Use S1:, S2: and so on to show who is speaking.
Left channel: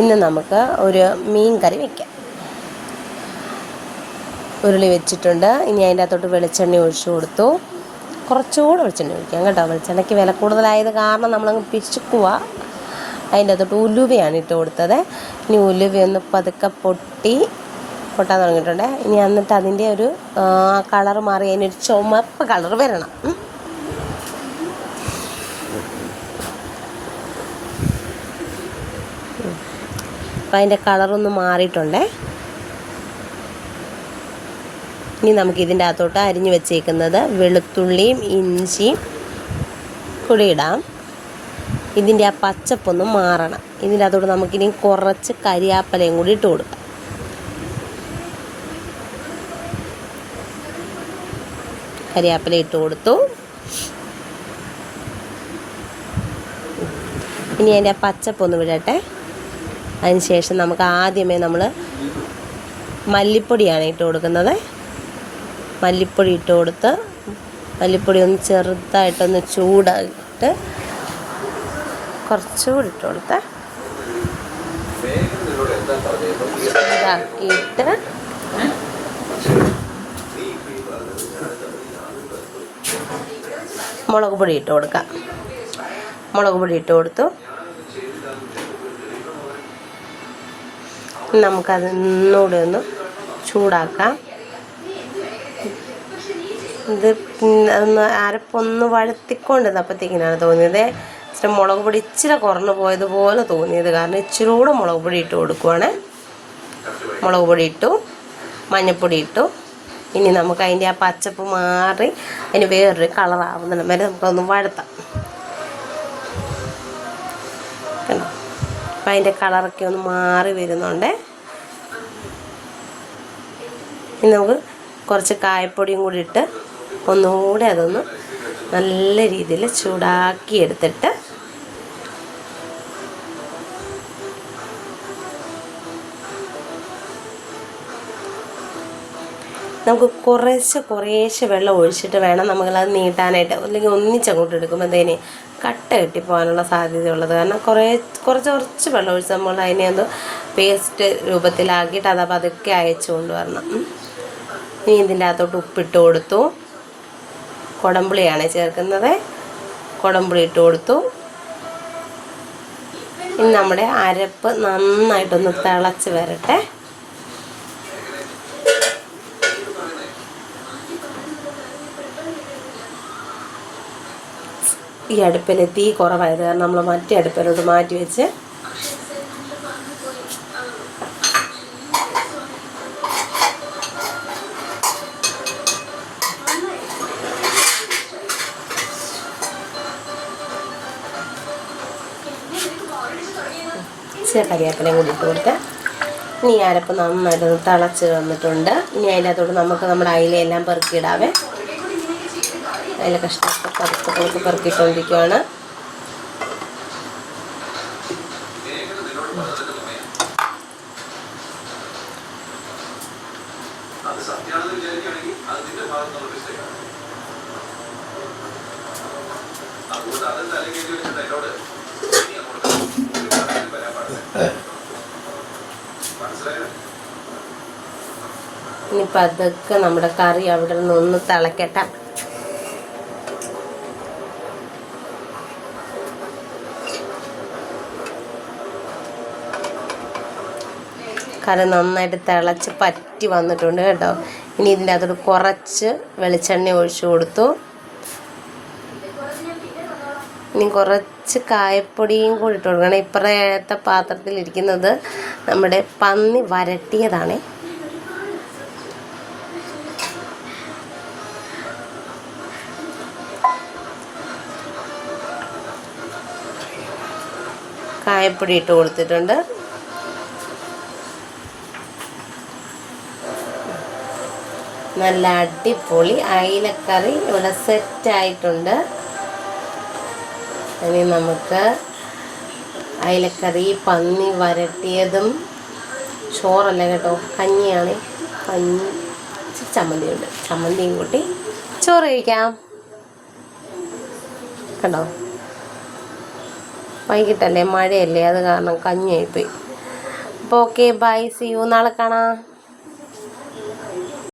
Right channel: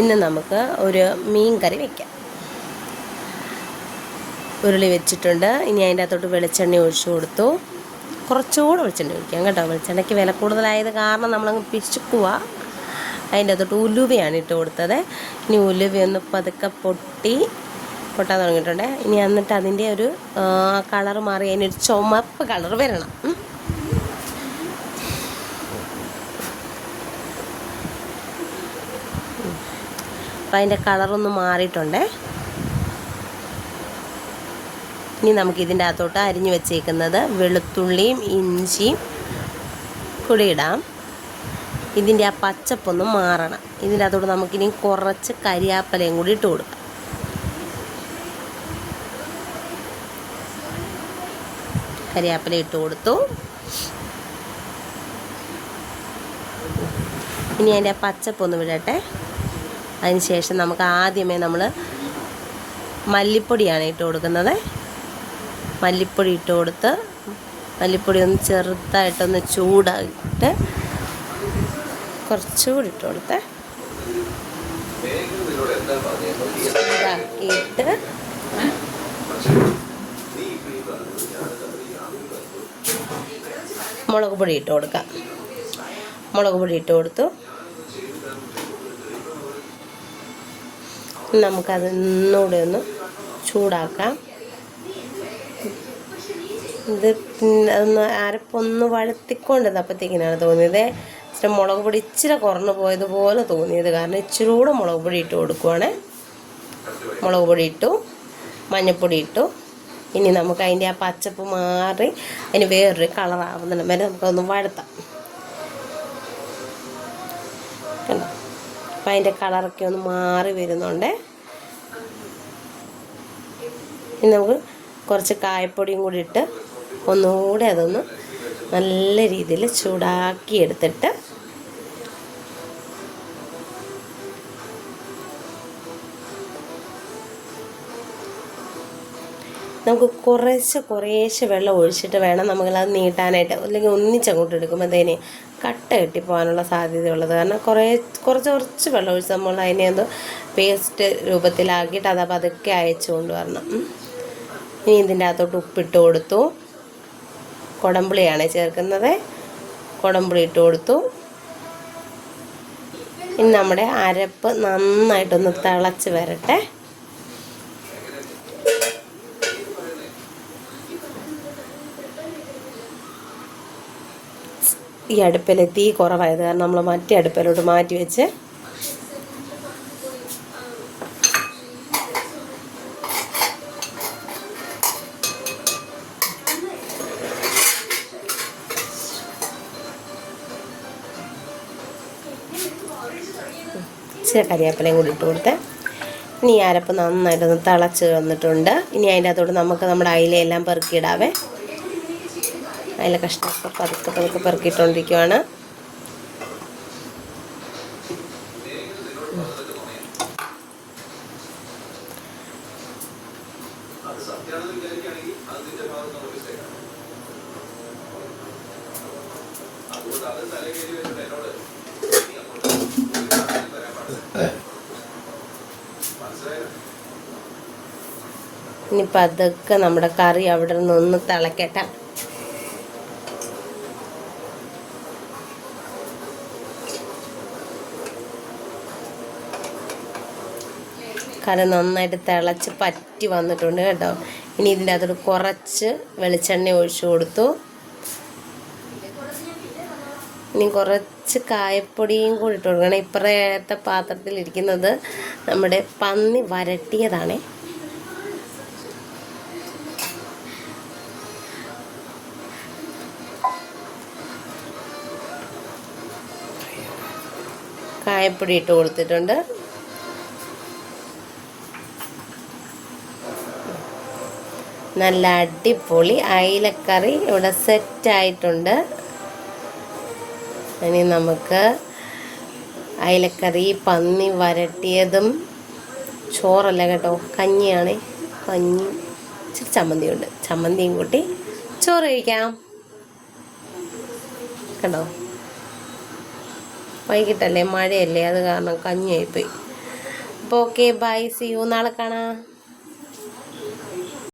S1: ഇന്ന് നമുക്ക് ഒരു മീൻ കറി വയ്ക്കാം ഉരുളി വെച്ചിട്ടുണ്ട്. ഇനി അതിന്റെ അകത്തോട്ട് വെളിച്ചെണ്ണ ഒഴിച്ചു കൊടുത്തു. കുറച്ചുകൂടെ വെളിച്ചെണ്ണ ഒഴിക്കാം കേട്ടോ. വെളിച്ചെണ്ണയ്ക്ക് വില കൂടുതലായത് കാരണം നമ്മളങ്ങ് പിശുക്കുക അതിന്റെ അകത്തോട്ട് ഉലുവയാണ് ഇട്ട് കൊടുത്തത്. ഇനി ഉലുവയൊന്ന് പതുക്കെ പൊട്ടി പൊട്ടാൻ തുടങ്ങിയിട്ടുണ്ട്. ഇനി എന്നിട്ട് അതിന്റെ ഒരു കളർ മാറി അതിനൊരു ചുമപ്പ് കളർ വരണം. അപ്പോൾ അതിന്റെ കളറൊന്ന് മാറിയിട്ടുണ്ടേ. ഇനി നമുക്ക് ഇതിന്റെ അകത്തോട്ട് അരിഞ്ഞു വെച്ചേക്കുന്നത് വെളുത്തുള്ളിയും ഇഞ്ചിയും കൂടി ഇടാം. ഇതിന്റെ ആ പച്ചപ്പൊന്ന് മാറണം. ഇതിന്റെ അകത്തോട്ട് നമുക്കിനി കുറച്ച് കരിയാപ്പലയും കൂടി ഇട്ട് കൊടുക്കാം. കരിയാപ്പല ഇട്ട് കൊടുത്തു. ഇനി അതിന്റെ ആ പച്ചപ്പൊന്ന് വിടട്ടെ. അതിന് ശേഷം നമുക്ക് ആദ്യമേ നമ്മൾ മല്ലിപ്പൊടിയാണ് ഇട്ട് കൊടുക്കുന്നത്. മല്ലിപ്പൊടി ഇട്ട് കൊടുത്ത് മല്ലിപ്പൊടി ഒന്ന് ചെറുതായിട്ടൊന്ന് ചൂടായിട്ട് കുറച്ചുകൂടി ഇട്ട് കൊടുത്ത് ചൂടാക്കിയിട്ട് മുളക് പൊടി ഇട്ട് കൊടുക്കാം. മുളക് പൊടി ഇട്ട് കൊടുത്തു. നമുക്കത് ഒന്നുകൂടെ ഒന്ന് ചൂടാക്കാം. ഇത് അതൊന്ന് അരപ്പൊന്ന് വഴുത്തിക്കൊണ്ടിരുന്നപ്പോഴത്തേക്കിനാണ് തോന്നിയത്. ഇച്ചിരി മുളക് പൊടി ഇച്ചിരി കുറഞ്ഞു പോയതുപോലെ തോന്നിയത്. കാരണം ഇച്ചിരി കൂടെ മുളക് പൊടി ഇട്ട് കൊടുക്കുവാണ്. മുളക് പൊടി ഇട്ടു മഞ്ഞൾപ്പൊടി ഇട്ടു. ഇനി നമുക്ക് അതിന്റെ ആ പച്ചപ്പ് മാറി അതിന് വേറൊരു കളറാവുന്നില്ല വരെ നമുക്കൊന്ന് വഴുത്താം. കണ്ടോ? അപ്പം അതിന്റെ കളറൊക്കെ ഒന്ന് മാറി വരുന്നുണ്ട്. ഇനി നമുക്ക് കുറച്ച് കായപ്പൊടിയും കൂടി ഇട്ട് ഒന്നുകൂടെ അതൊന്ന് നല്ല രീതിയിൽ ചൂടാക്കി എടുത്തിട്ട് നമുക്ക് കുറേശ്ശെ കുറേശ്ശെ വെള്ളം ഒഴിച്ചിട്ട് വേണം നമുക്കത് നീട്ടാനായിട്ട്. അല്ലെങ്കിൽ ഒന്നിച്ചങ്ങോട്ട് എടുക്കുമ്പോഴത്തേന് കട്ട കെട്ടിപ്പോകാനുള്ള സാധ്യതയുള്ളത്. കാരണം കുറേ കുറച്ച് കുറച്ച് വെള്ളം ഒഴിച്ച് നമ്മൾ അതിനെ ഒന്ന് പേസ്റ്റ് രൂപത്തിലാക്കിയിട്ട് അത് പതുക്കെ അയച്ചു കൊണ്ടുവരണം. ഇനി ഇതിന്റെ അകത്തോട്ട് ഉപ്പിട്ട് കൊടുത്തു. കുടംപുളിയാണ് ചേർക്കുന്നത്. കുടംപുളി ഇട്ട് കൊടുത്തു. ഇനി നമ്മുടെ അരപ്പ് നന്നായിട്ടൊന്ന് തിളച്ച് വരട്ടെ. ഈ അടുപ്പിൽ തീ കുറവായത് കാരണം നമ്മൾ മറ്റേ അടുപ്പിലോട്ട് മാറ്റി വെച്ച് ഇച്ചിരി കൂടി ഇട്ട് കൊടുത്ത് ഇനി അരപ്പ് നന്നായിട്ടൊന്ന് തിളച്ച് വന്നിട്ടുണ്ട്. ഇനി അതിന്റെ അകത്തോട്ട് നമുക്ക് നമ്മുടെ അയിലയെല്ലാം പെറുക്കിയിടാവേ. അതിലെ കഷ്ണമൊക്കെ പതുക്കെ നമുക്ക് പെറുക്കിയിട്ടുകൊണ്ടിരിക്കുവാണ് ഇനി പതുക്കെ നമ്മുടെ കറി അവിടെ നിന്ന് ഒന്ന് തിളക്കട്ടെ. കറി നന്നായിട്ട് തിളച്ച് പറ്റി വന്നിട്ടുണ്ട് കേട്ടോ. ഇനി ഇതിന്റെ അകത്തോട്ട് കുറച്ച് വെളിച്ചെണ്ണ ഒഴിച്ചു കൊടുത്തു. ഇനി കുറച്ച് കായപ്പൊടിയും കൂടി ഇട്ട് കൊടുക്കണം. പാത്രത്തിൽ പാത്രത്തിലിരിക്കുന്നത് നമ്മുടെ പന്നി വരട്ടിയതാണ്. കായപ്പൊടി ഇട്ട് കൊടുത്തിട്ടുണ്ട്. നല്ല അടിപൊളി അയിലക്കറി ഇവിടെ സെറ്റായിട്ടുണ്ട് ഇനി നമുക്ക് അയിലക്കറി പന്നി വരട്ടിയതും ചോറല്ല കേട്ടോ? കഞ്ഞിയാണ്. കഞ്ഞി ഇച്ചിരി ചമ്മന്തിയുണ്ട്. ചമ്മന്തിയും കൂട്ടി ചോറ് കഴിക്കാം. കണ്ടോ? വൈകിട്ടല്ലേ? മഴയല്ലേ? അത് കാരണം കഞ്ഞിയായിപ്പോയി. അപ്പോൾ ഓക്കെ ബൈ സി യു നാളെ കാണാം.